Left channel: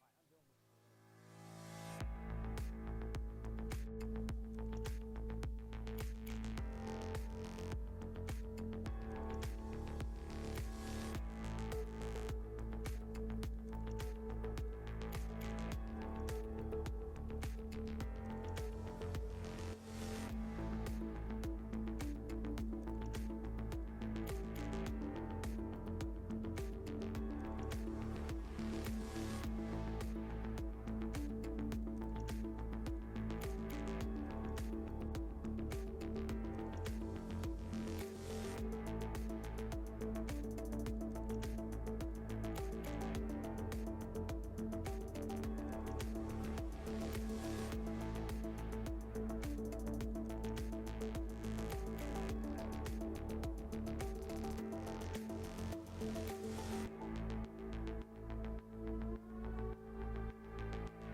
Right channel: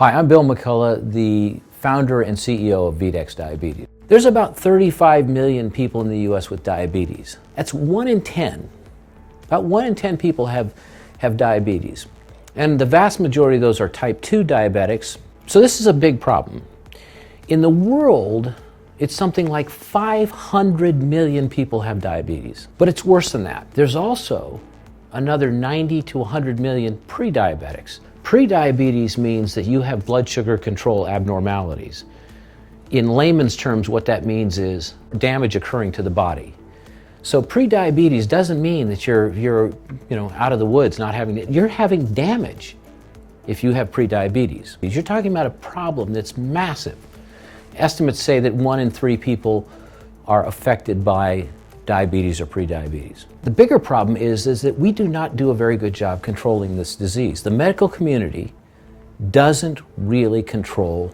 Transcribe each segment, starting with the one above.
Hi, I'm Bill McCullough, the founder and CEO of VDEX Diabetes. There's about 35 million people in the U.S. with diabetes. That's 1 in 10. About 1 in 10 people have diabetes. And the vast majority of those are type 2 diabetics. So this is a big problem. In the world, it's something like 500 million people have diabetes. But it's worse than that. There's also another 90 to 100 million pre-diabetics. Pre-diabetes means that you have blood sugar control abnormalities. In layman's terms, what that means is damage occurring to the body. So pre-diabetes doesn't mean that you're out of the woods not having it. You're having damage if you have pre-diabetes. You're talking about a problem that's massive. Estimates say that 1 in 3 people are affected by diabetes or pre-diabetes. The bigger problem is that we do not do a very good job controlling this disease. The medical community doesn't really control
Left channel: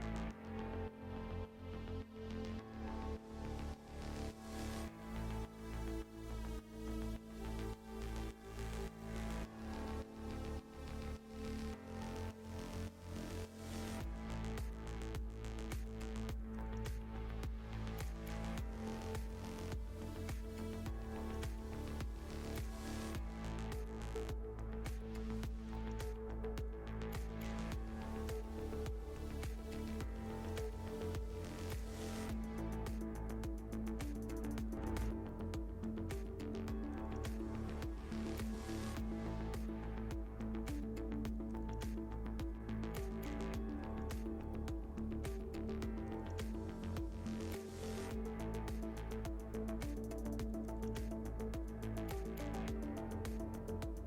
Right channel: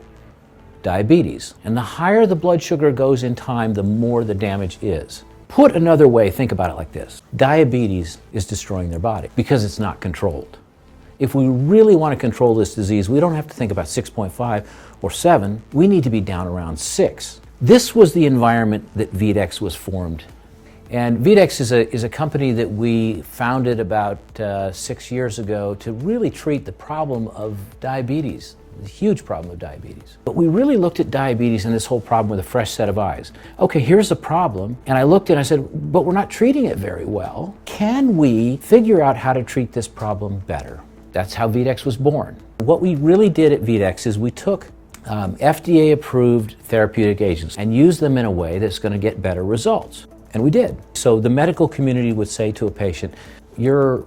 diabetes. And the higher the blood sugar goes in time, the more the damage is. Put another way, think about it like this. Diabetes is destroying their body because it's not controlled. If we really want to control this disease, we don't have to think about 6.5 or 7. We need to be down around 6. This was the environment that VDEX was formed. And VDEX is a company that we founded about 6 years ago to really treat the problem of diabetes, the huge problem of diabetes. But we really looked at diabetes and this whole problem with a fresh set of eyes. Okay, here's the problem. And I looked and I said, but we're not treating it very well. Can we figure out how to treat this problem better? That's how VDEX was born. What we really did at VDEX is we took FDA-approved therapeutic agents and used them in a way that's going to get better results. And we did. So the medical community would say to a patient, your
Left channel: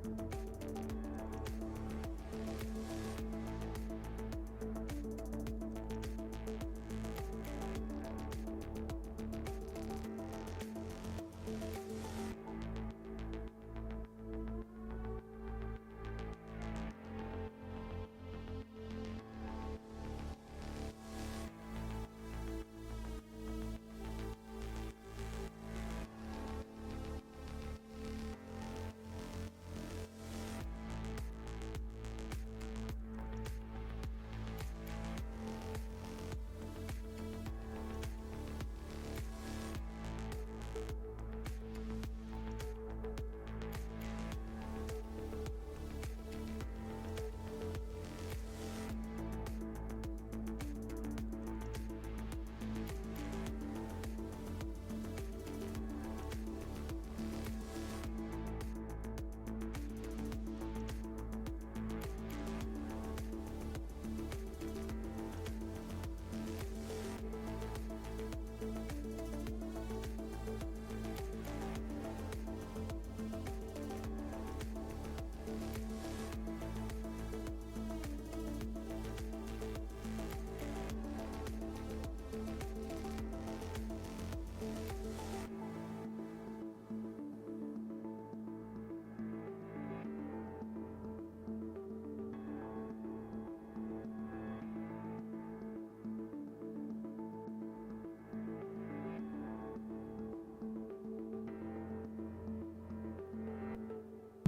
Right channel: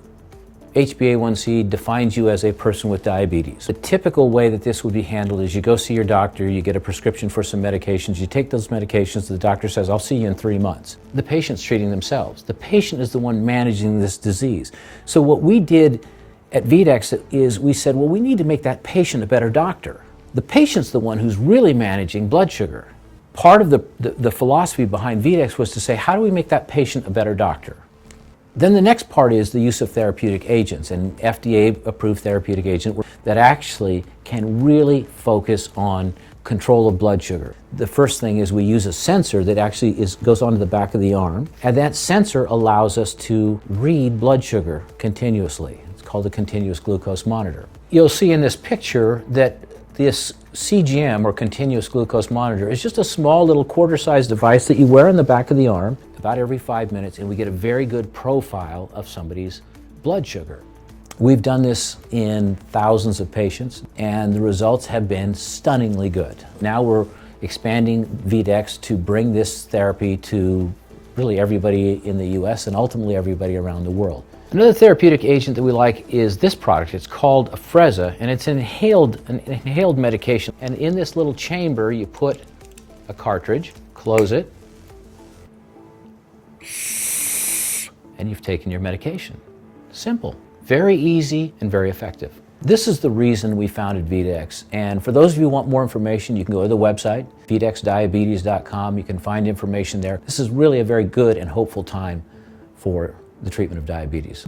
HbA1c defines you as a person with diabetes. The typical way that this would be handled is you go see your doctor, you get a prescription for some medications, you take those medications, the doctor says, I'll see you in 3 months. The patient's treating themselves. The patient is the one managing this disease. So what we did at VDEX is we said, well, we need to make that patient a better doctor. The patient's the one who's really managing blood sugar. Part of the philosophy behind VDEX was to say, how do we make that patient a better doctor? Then the next part is the use of therapeutic agents, and FDA-approved therapeutic agent that actually can really focus on control of blood sugar. The first thing is we use a sensor that actually goes onto the back of the arm, and that sensor allows us to read blood sugar continuously. It's called a continuous glucose monitor. You'll see in this picture that this CGM, or continuous glucose monitor, is just a small little quarter-sized device that you wear on the back of the arm about every 5 minutes, and we get a very good profile of somebody's blood sugar. We've done this in thousands of patients, and the results have been stunningly good. Now we're expanding VDEX to bring this therapy to really everybody in the US and ultimately everybody around the world. Another therapeutic agent that we like is this product. It's called Afrezza, and it's an inhaled medication. And in this little chamber, you put a cartridge, close it, and you've taken your medication. Simple, very easy, and very effective. This is the reason we founded VDEX. And for those of you who want more information, you can go to the website, vdexdiabetes.com. You can find information there. This is really a very good and hopeful time for the treatment of diabetes.